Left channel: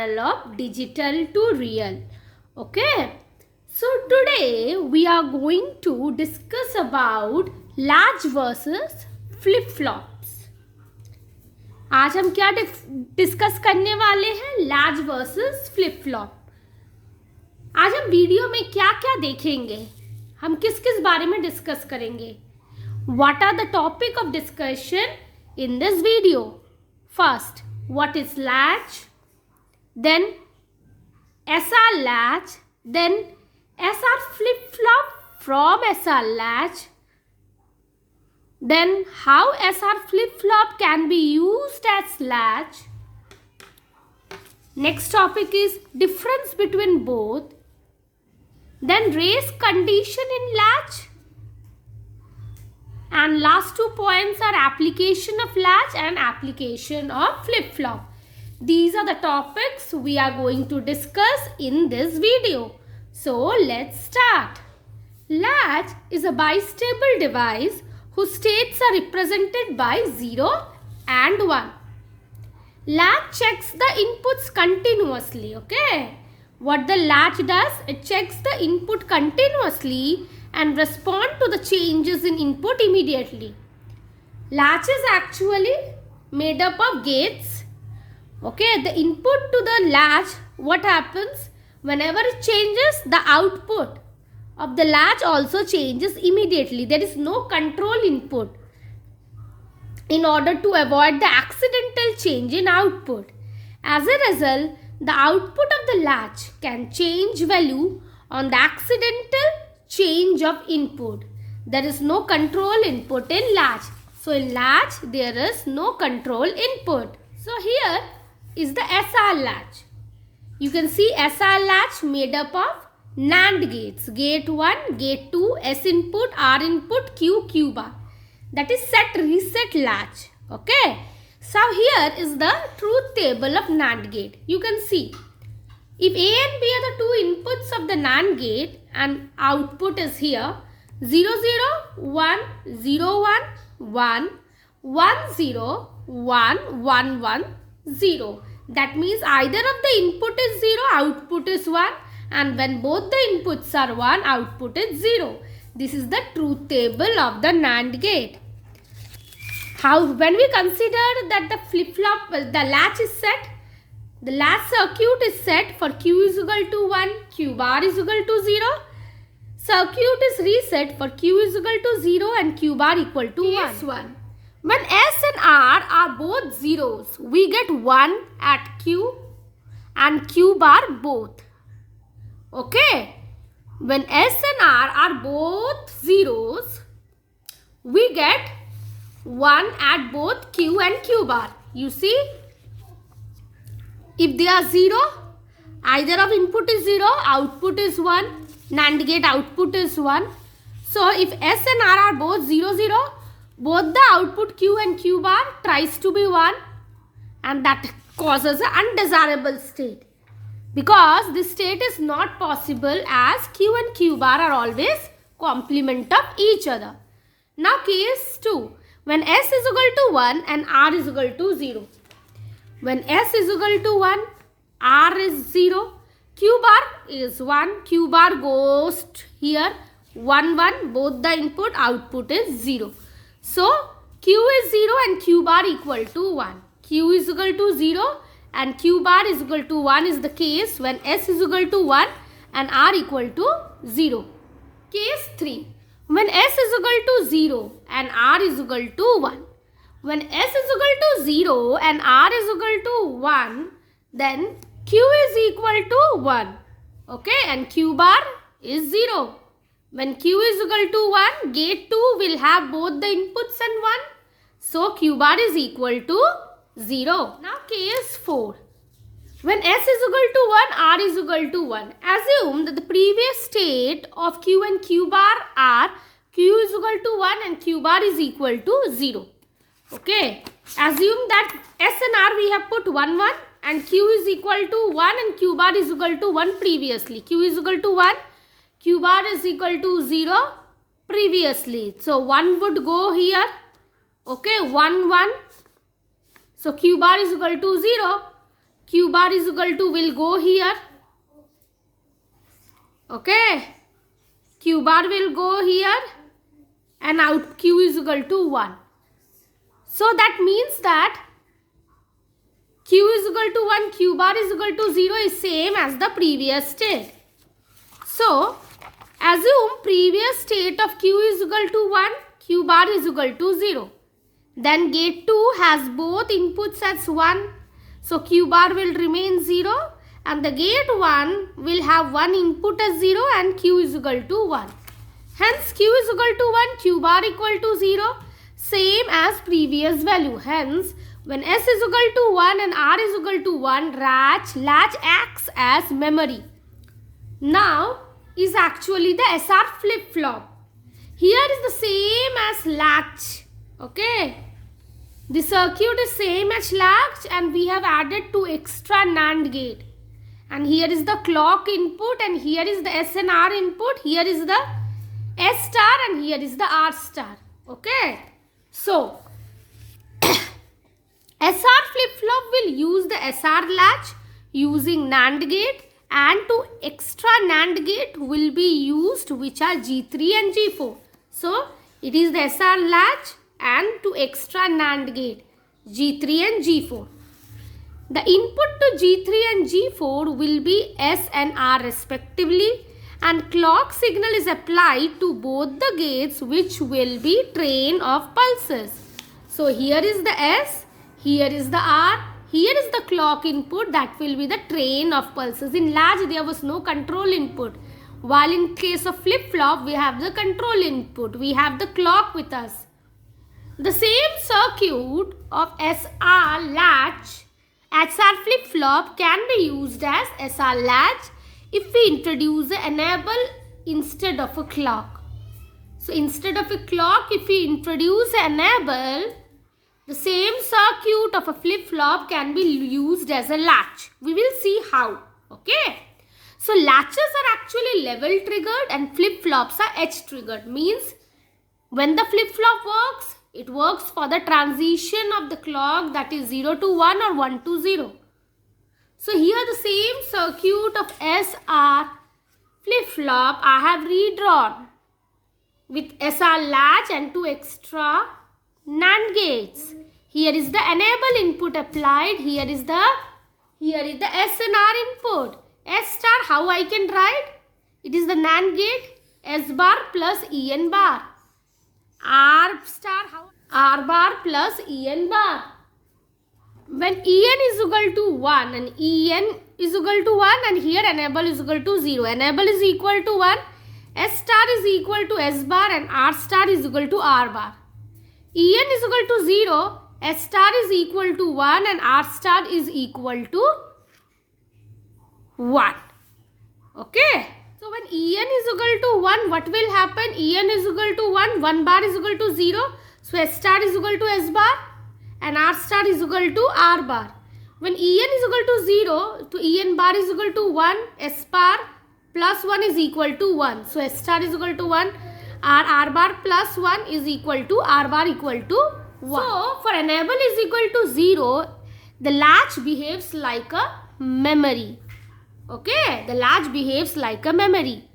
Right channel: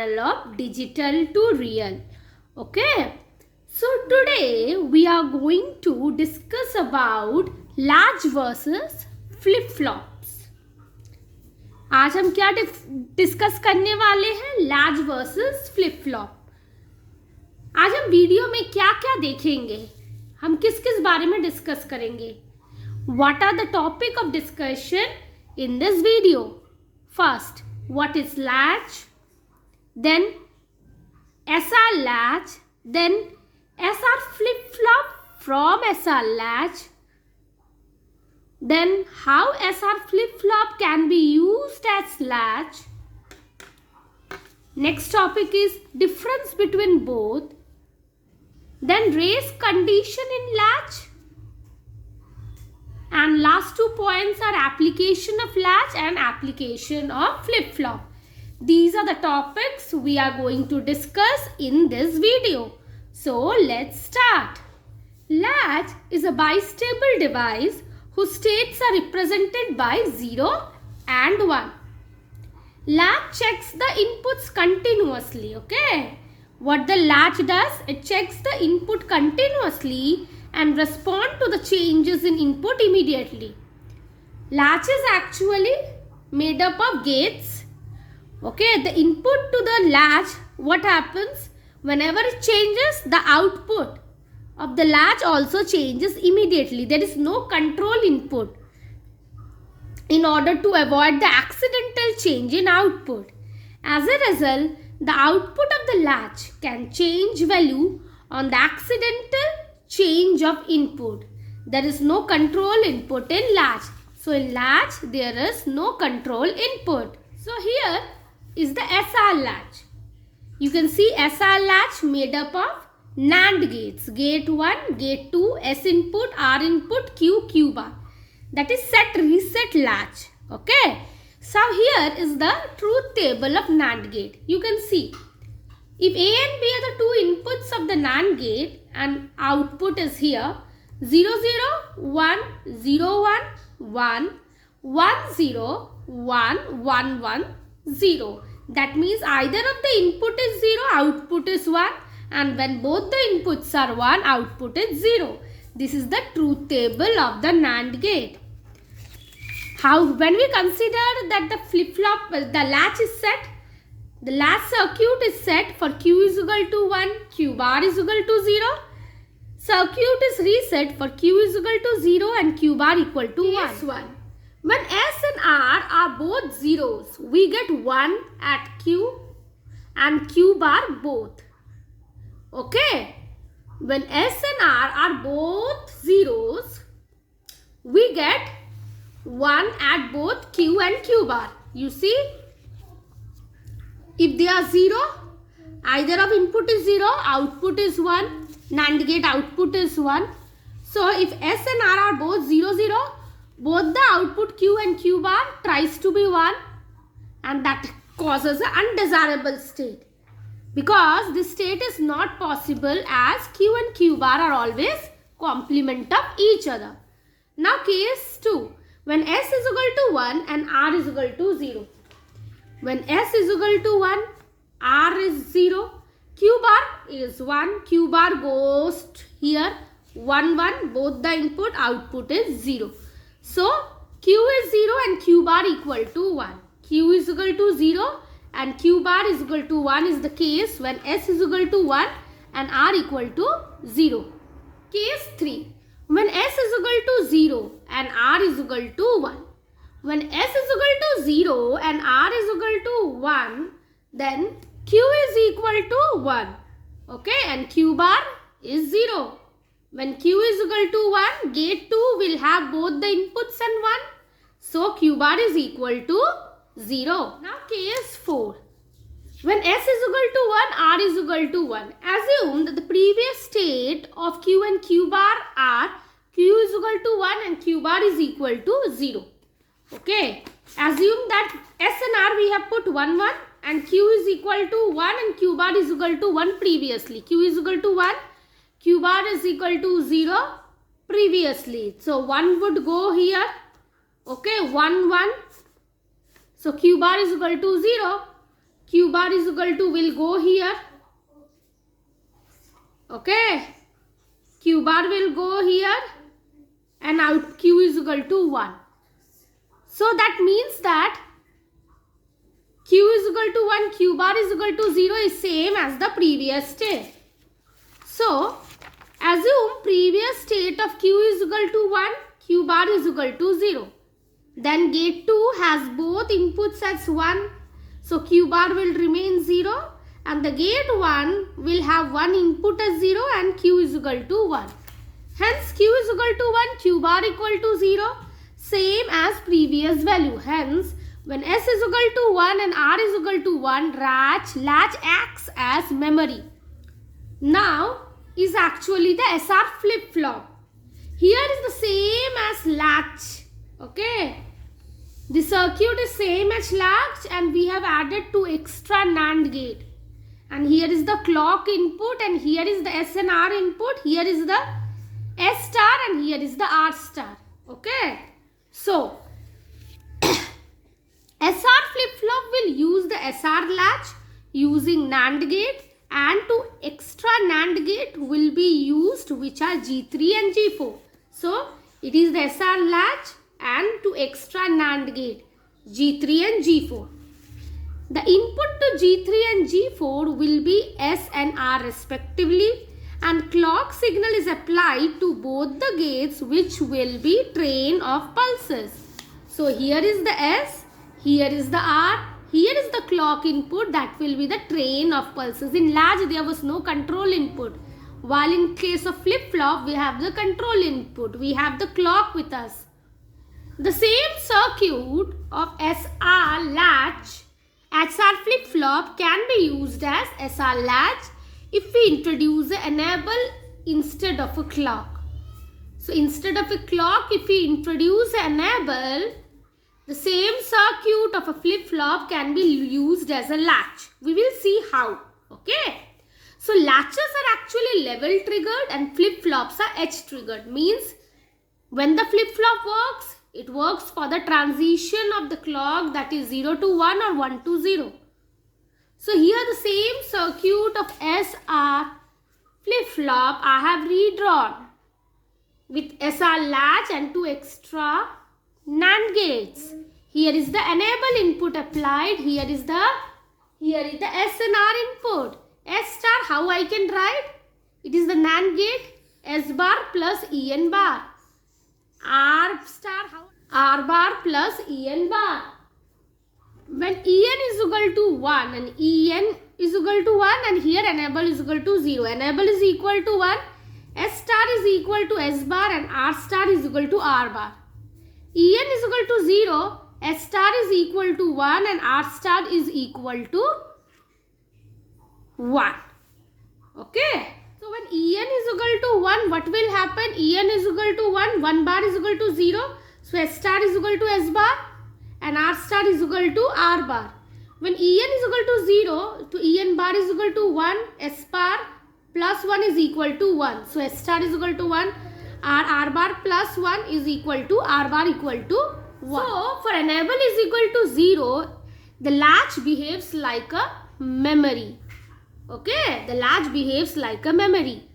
channel of Digital to Real. Okay. So today we are going to discuss about latch versus flip-flops. आज हम क्या discuss करने वाले हैं? Latch versus flip flop. आज हम वीडियो में क्या क्या देखेंगे, हम किस किस बारे में डिस्कस करेंगे. What are the topic of discussion in this video? First, what is latch? Then SR latch. Then SR flip-flop from SR latch. Then how SR flip-flop can be used as latch. Next topic is difference between both. Then race condition in latch. And last 2 points are application of latch and application of flip-flop. These are the topics we are going to discuss in this video. So let's start. Latch is a bistable device whose states are represented by 0 and 1. Latch checks the inputs continuously. Okay. What the latch does, it checks the input continuously and respond to the changes in input immediately. Latch is actually made up of gates. Okay, the input to the latch, what happens? Whenever it changes, the output of the latch also changes immediately. There is no control input in order to avoid the accidental change in output. As a result, the output of the latch can change value on the accidental change of input. There is no control input in latch. So in latch there is no control input. So here is the SR latch. You can see SR latch made up of NAND gates. Gate 1, gate 2, S input, R input, Q bar. That is set reset latch. Okay. So here is the truth table of NAND gate. You can see if A and B are the two inputs of the NAND gate and output is here 0 0 1 0 1 1 1 0 1 1 1 0. That means either of the input is 0, output is 1, and when both the inputs are 1, output is 0. This is the truth table of the NAND gate. How, when we consider that the flip-flop, the latch is set, the latch circuit is set for Q is equal to 1, Q bar is equal to 0. Circuit is reset for Q is equal to 0 and Q bar equal to 1. When S and R are both zeros, we get 1 at Q and Q bar both. Okay. When S and R are both zeros, we get 1 at both Q and Q bar. You see, if they are 0, either of input is 0, output is 1, NAND gate output is 1. So if S and R are both 0 0, both the output Q and Q bar tries to be 1, and that causes an undesirable state, because this state is not possible as Q and Q bar are always complement of each other. Now case 2. When S is equal to 1 and R is equal to 0. When S is equal to 1, R is 0, Q bar is 1, Q bar goes here 1 1, both the input output is 0. So Q is 0 and Q bar equal to 1. Q is equal to 0 and Q bar is equal to 1 is the case when S is equal to 1 and R equal to 0. Case 3. When S is equal to 0 and R is equal to 1. When S is equal to 0 and R is equal to 1, then Q is equal to 1. Okay, and Q bar is 0. When Q is equal to 1, gate 2 will have both the inputs and 1. So Q bar is equal to 0. Now case 4. When S is equal to 1, R is equal to 1. Assume that the previous state of Q and Q bar are Q is equal to 1 and Q bar is equal to 0. Okay. Assume that S and R we have put 1 1 and Q is equal to 1 and Q bar is equal to 1 previously. Q is equal to 1, Q bar is equal to 0 previously. So 1 would go here. Okay, 1 1. So Q bar is equal to 0. Q bar is equal to will go here. Okay. Q bar will go here and out Q is equal to 1. So that means that Q is equal to 1, Q bar is equal to 0 is same as the previous state. So assume previous state of Q is equal to 1, Q bar is equal to 0. Then gate 2 has both inputs as 1. So Q bar will remain 0 and the gate 1 will have one input as 0 and Q is equal to 1. Hence Q is equal to 1, Q bar equal to 0, same as previous value. Hence when S is equal to 1 and R is equal to 1, latch acts as memory. Now is actually the SR flip-flop. Here is the same as latch. Okay. The circuit is same as latch and we have added 2 extra NAND gate. And here is the clock input and here is the S and R input. Here is the S star and here is the R star. Okay. So, SR flip-flop will use the SR latch using NAND gate and 2 extra NAND gate will be used which are G3 and G4. So, it is the SR latch and 2 extra NAND gate G3 and G4. The input to G3 and G4 will be S and R respectively and clock signal is applied to both the gates which will be train of pulses. So here is the S, here is the R, here is the clock input, that will be the train of pulses. In latch there was no control input, while in case of flip-flop we have the control input, we have the clock with us. The same circuit of SR latch, SR flip-flop can be used as SR latch if we introduce an enable instead of a clock. So instead of a clock, if we introduce an enable, the same circuit of a flip-flop can be used as a latch. We will see how. Okay. So latches are actually level triggered and flip-flops are edge triggered. Means when the flip-flop works, it works for the transition of the clock, that is 0 to 1 or 1 to 0. So here the same circuit of SR flip-flop I have redrawn with SR latch and 2 extra NAND gates. Here is the enable input applied. Here is the S and R input. S star, how I can write? It is the NAND gate S bar plus EN bar. R star, how? R bar plus EN bar. When EN is equal to 1 and EN is equal to 1 and here enable is equal to 0. Enable is equal to 1. S star is equal to S bar and R star is equal to R bar. EN is equal to 0. S star is equal to 1 and R star is equal to 1. Okay. So when En is equal to 1, what will happen? En is equal to 1, 1 bar is equal to 0. So S star is equal to S bar and R star is equal to R bar. When En is equal to 0, to En bar is equal to 1, S bar plus 1 is equal to 1. So S star is equal to 1, R bar plus 1 is equal to R bar equal to 1. So for enable is equal to 0, the latch behaves like a memory. Okay, the latch behaves like a memory.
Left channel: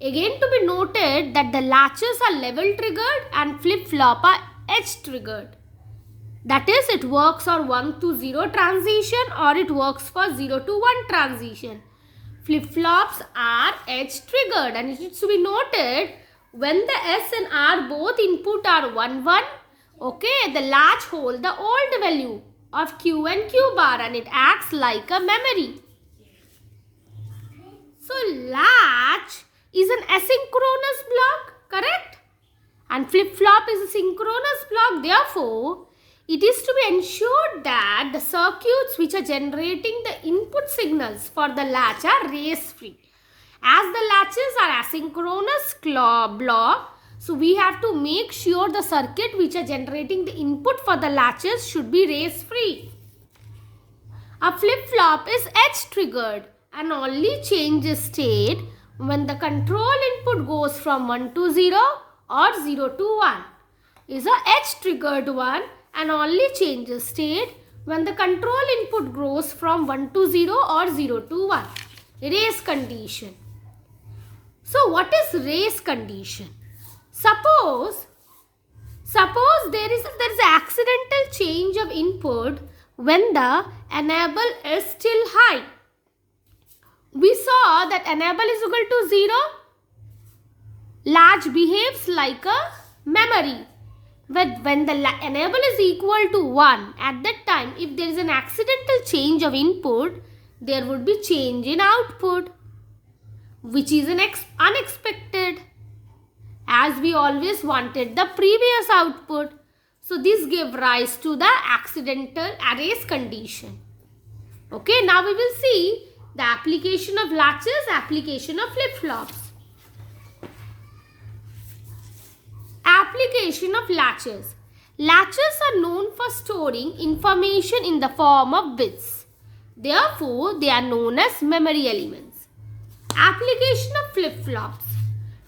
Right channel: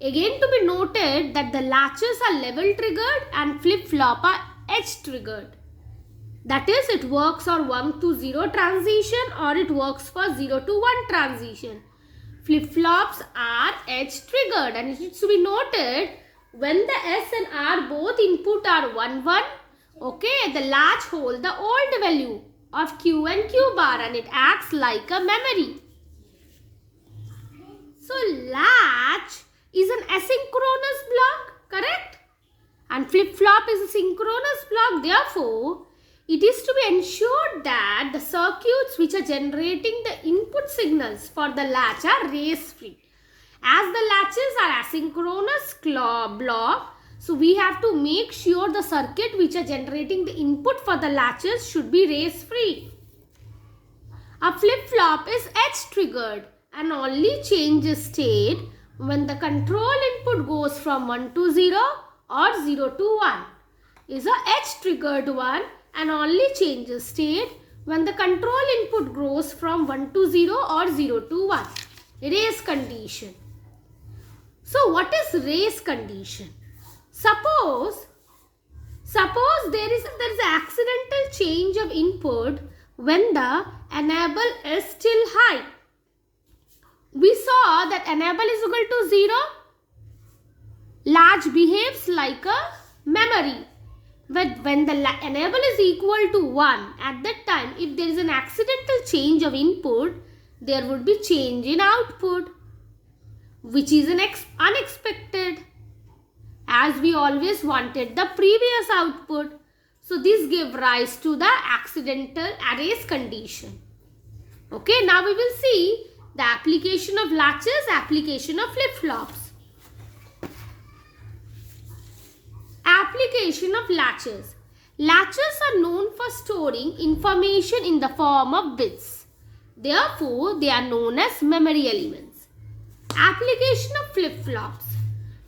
Again to be noted that the latches are level triggered and flip-flop are edge triggered. That is, it works for 1 to 0 transition or it works for 0 to 1 transition. Flip-flops are edge triggered and it is to be noted when the S and R both input are 1, 1, okay, the latch holds the old value of Q and Q bar and it acts like a memory. So latch is an asynchronous block, correct? And flip-flop is a synchronous block. Therefore, it is to be ensured that the circuits which are generating the input signals for the latch are race-free. As the latches are asynchronous block, so we have to make sure the circuit which are generating the input for the latches should be race-free. A flip-flop is edge-triggered and only changes state when the control input goes from 1 to 0 or 0 to 1. Is a edge-triggered one and only changes state when the control input goes from 1 to 0 or 0 to 1. Race condition. So what is race condition? Suppose there is an accidental change of input when the enable is still high. We saw that enable is equal to 0. Latch behaves like a memory. But when the enable is equal to 1, at that time, if there is an accidental change of input, there would be change in output, which is unexpected, as we always wanted the previous output. So this gave rise to the accidental race condition. Okay, now we will see the application of latches, application of flip-flops. Application of latches. Latches are known for storing information in the form of bits. Therefore, they are known as memory elements. Application of flip-flops.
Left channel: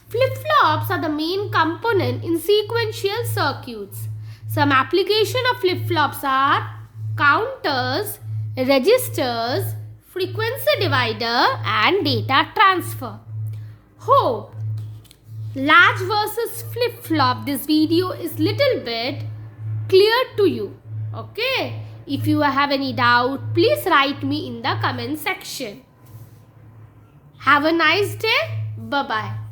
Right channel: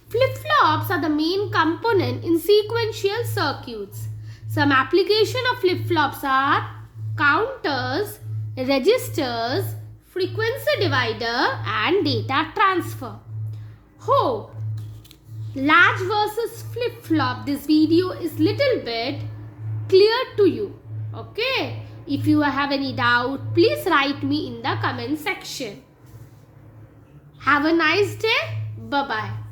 Flip-flops are the main component in sequential circuits. Some application of flip-flops are counters, registers, frequency divider and data transfer. Hope latch versus flip-flop, this video is little bit clear to you. Okay, if you have any doubt, please write me in the comment section. Have a nice day. Bye bye.